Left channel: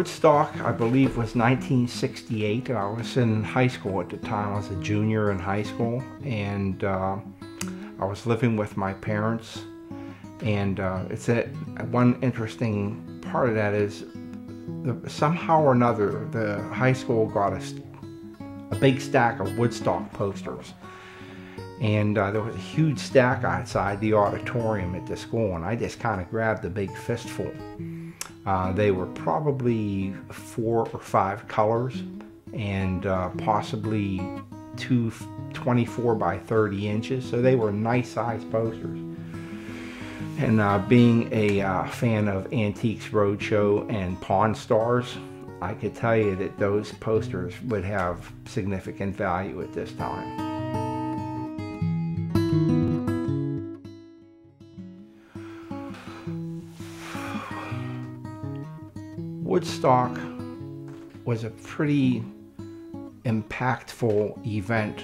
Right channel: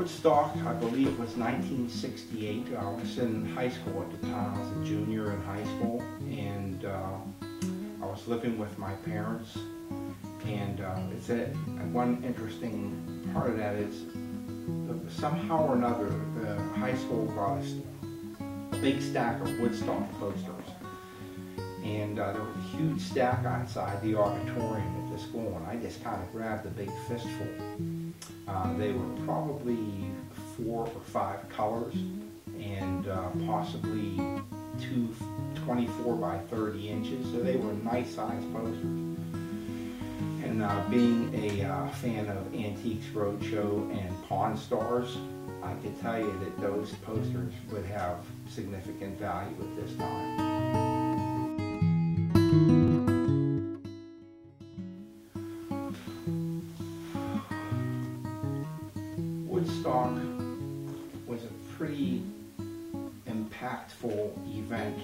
Woodstock, I believe, was 1968. I was in high school at the time. I was a junior in high school, and I was living with my parents. And one interesting part of that is somehow or another, the high school got a big stack of Woodstock posters. And there was a huge stack outside the auditorium at the school, and I just kind of grabbed a big fistful. They were probably 4 or 5 colors, and possibly 24 by 30 inches, so they were nice sized posters. And being a fan of Antiques Roadshow and Pawn Stars, I could tell you that those posters would have significant value at this time. Woodstock was a pretty impactful event,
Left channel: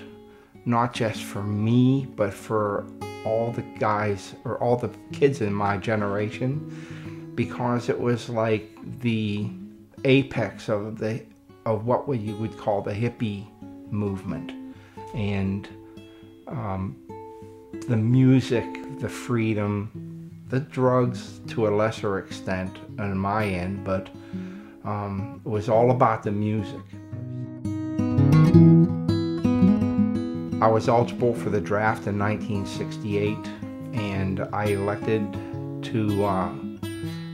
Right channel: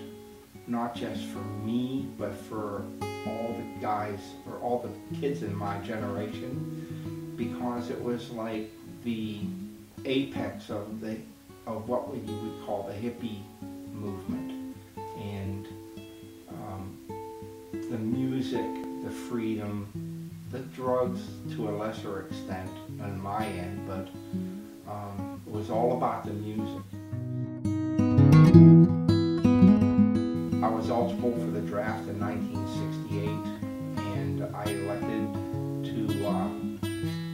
not just for me, but for all the guys or all the kids in my generation, because it was like the apex of what you would call the hippie movement, and the music, the freedom, the drugs to a lesser extent on my end, but it was all about the music. I was eligible for the draft in 1968, and I elected to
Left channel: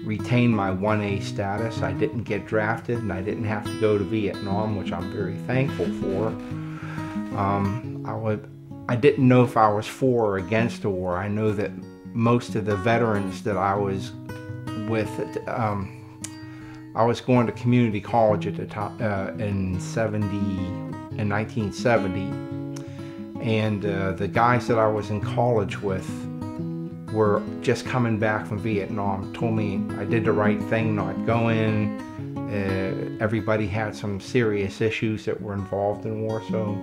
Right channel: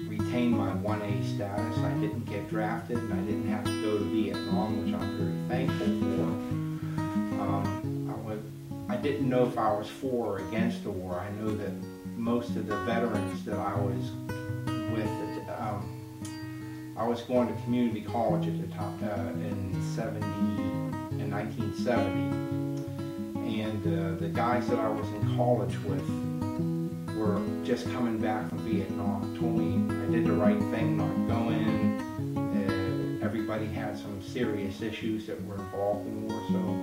retain my 1A status. I didn't get drafted, and I didn't have to go to Vietnam, which I'm very thankful for. I didn't know if I was for or against the war. I know that most of the veterans that I was with, I was going to community college at the time in 1970, and the guys that I was in college with were just coming back from Vietnam. Told me I did the right thing not going. Everybody had some serious issues that were involved in war, so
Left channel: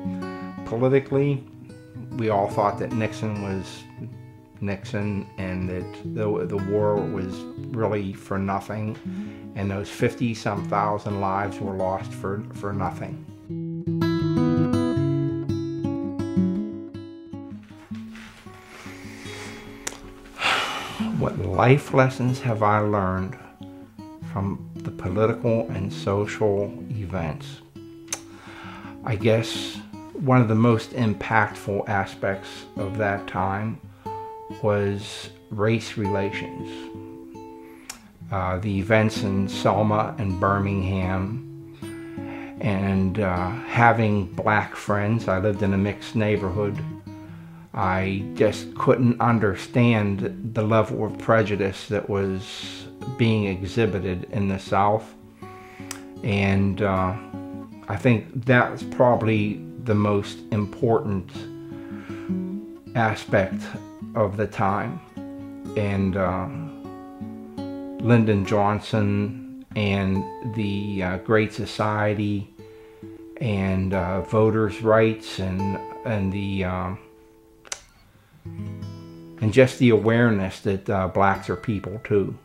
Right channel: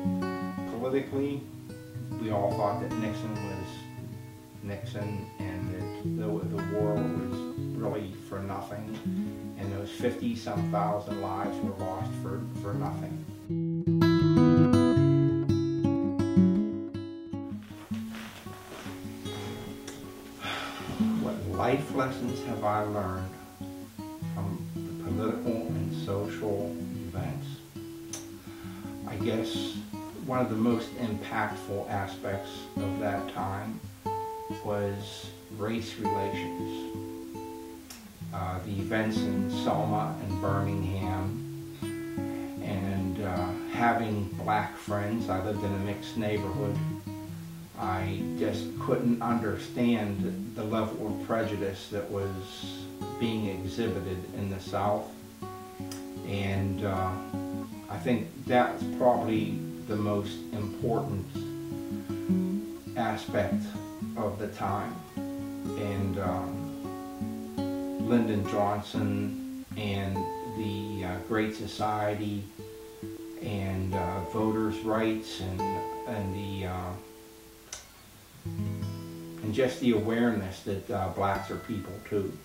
politically we all thought that Nixon was Nixon, and that the war was really for nothing, and those 50-some thousand lives were lost for nothing. What life lessons have I learned from the political and social events? I guess one of the most impactful aspects of that time was race relations. The events in Selma and Birmingham, and having black friends. I lived in a mixed neighborhood. I just couldn't understand the level of prejudice that was being exhibited in the South, and I think that's probably the most important aspect of the time. And Lyndon Johnson and the Great Society and voters' rights and just the awareness that blacks are people too.